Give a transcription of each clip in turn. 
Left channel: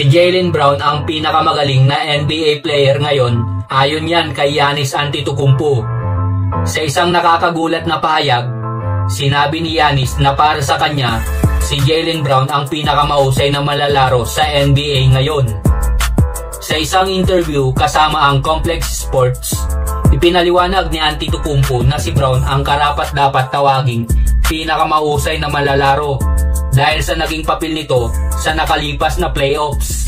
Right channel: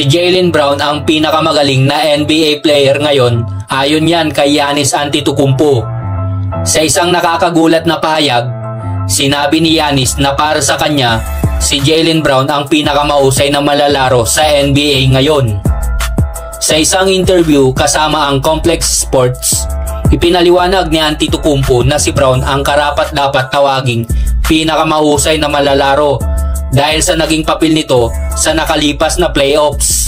Si Jaylen Brown ang pinakamagaling na NBA player ngayon, ayon yan kay Giannis Antetokounmpo. Sa isang nakakagulat na pahayag, sinabi ni Giannis na para sa kanya, si Jaylen Brown ang pinakamahusay na malalaro sa NBA ngayon. Sa isang interview kasama ang Complex Sports, ipinaliwanag ni Antetokounmpo na si Brown ang karapat-dapat tawaging pinakamahusay na malalaro dahil sa naging papel nito sa nakalipas na playoffs.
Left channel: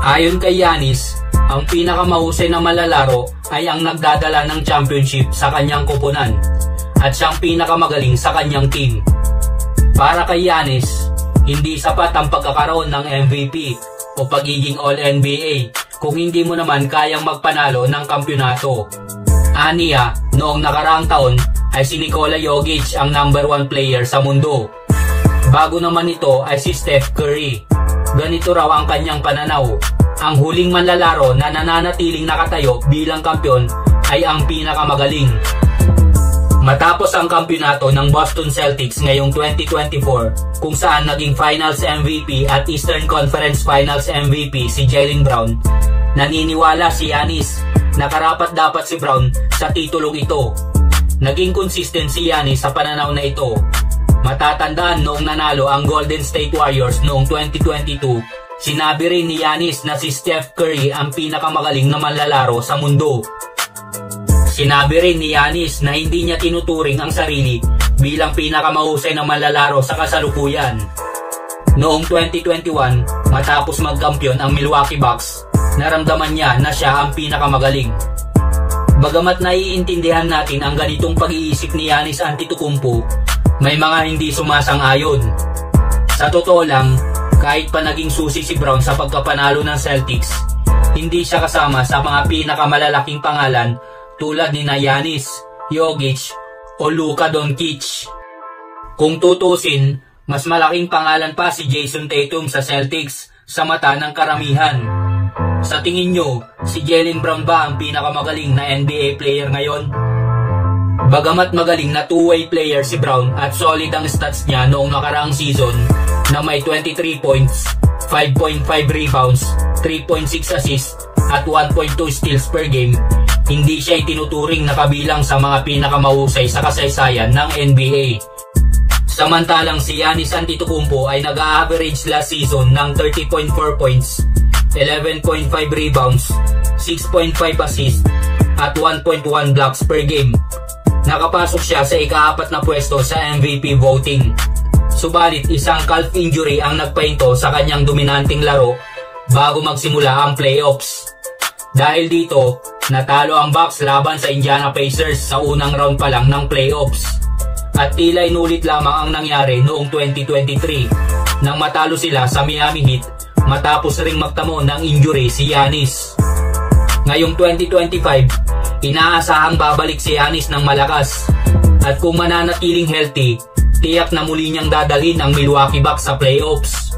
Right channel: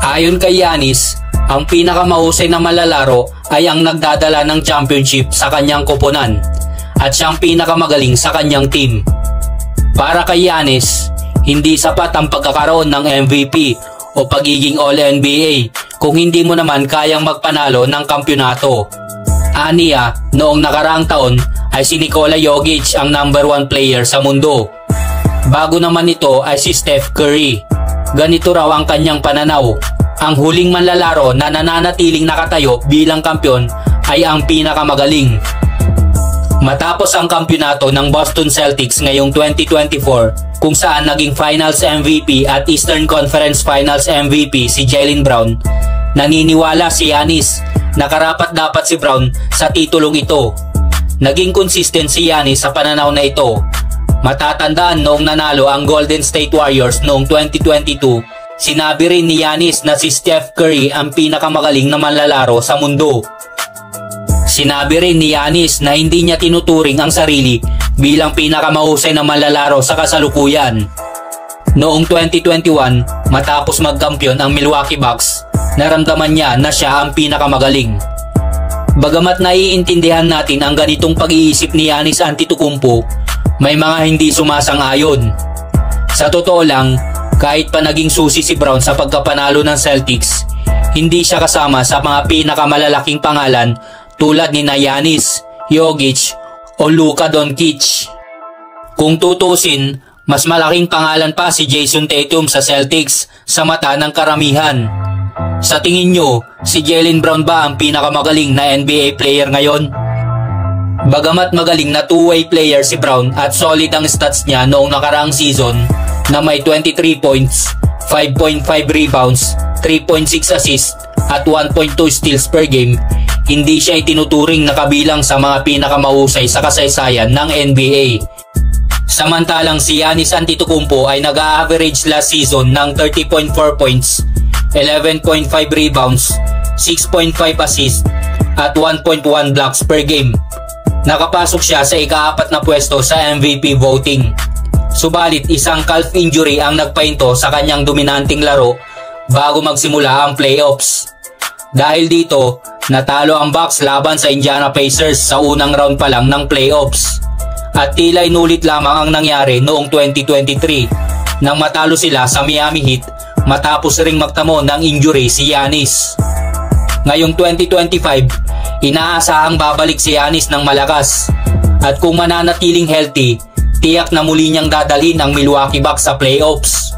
Ayon kay Giannis, ang pinakamahusay na malalaro ay ang nagdadala ng championship sa kanyang koponan at siyang pinakamagaling sa kanyang team. Para kay Giannis, hindi sapat ang pagkakaroon ng MVP o pagiging All-NBA kung hindi mo naman kayang magpanalo ng kampyonato. Aniya, noong nakaraang taon ay si Nikola Jokic ang number 1 player sa mundo. Bago naman ito ay si Steph Curry. Ganito raw ang kanyang pananaw. Ang huling manlalaro na nananatiling nakatayo bilang kampyon ay ang pinakamagaling. Matapos ang kampyonato ng Boston Celtics ngayong 2024 kung saan naging Finals MVP at Eastern Conference Finals MVP si Jaylen Brown, naniniwala si Giannis na karapat-dapat si Brown sa titulong ito. Naging consistent si Giannis sa pananaw na ito. Matatandaan noong nanalo ang Golden State Warriors noong 2022, sinabi rin ni Giannis na si Steph Curry ang pinakamagaling na manlalaro sa mundo. Sinabi rin ni Giannis na hindi niya tinuturing ang sarili bilang pinakamahusay na manlalaro sa kasalukuyan. Noong 2021, matapos magkampiyon ang Milwaukee Bucks, naramdaman niya na siya ang pinakamagaling. Bagamat naiintindihan natin ang ganitong pag-iisip ni Giannis Antetokounmpo, may mga hindi sumasang-ayon. Sa totoo lang, kahit pa naging susi si Brown sa pagkapanalo ng Celtics, hindi siya kasama sa mga pinakamalalaking pangalan tulad ni Giannis, Jokic o Luka Doncic. Kung tutusin, mas malaking pangalan pa si Jason Tatum sa Celtics sa mata ng karamihan. Sa tingin nyo, si Jaylen Brown ba ang pinakamagaling na NBA player ngayon? Bagamat magaling na two-way player si Brown at solid ang stats niya noong nakaraang season na may 23 points, 5.5 rebounds, 3.6 assists at 1.2 steals per game, hindi siya itinuturing na kabilang sa mga pinakamahusay sa kasaysayan ng NBA. Samantalang si Giannis Antetokounmpo ay nag-a-average last season ng 30.4 points, 11.5 rebounds, 6.5 assists at 1.1 blocks per game. Nakapasok siya sa ika-4 na pwesto sa MVP voting. Subalit isang calf injury ang nagpahinto sa kanyang dominanting laro bago magsimula ang playoffs. Dahil dito, natalo ang Bucks laban sa Indiana Pacers sa unang round pa lang ng playoffs. At tila inulit lamang ang nangyari noong 2023 nang matalo sila sa Miami Heat matapos ring magtamo ng injury si Giannis. Ngayong 2025, inaasahang babalik si Giannis ng malakas at kung mananatiling healthy, tiyak na muli niyang dadalhin ang Milwaukee Bucks sa playoffs.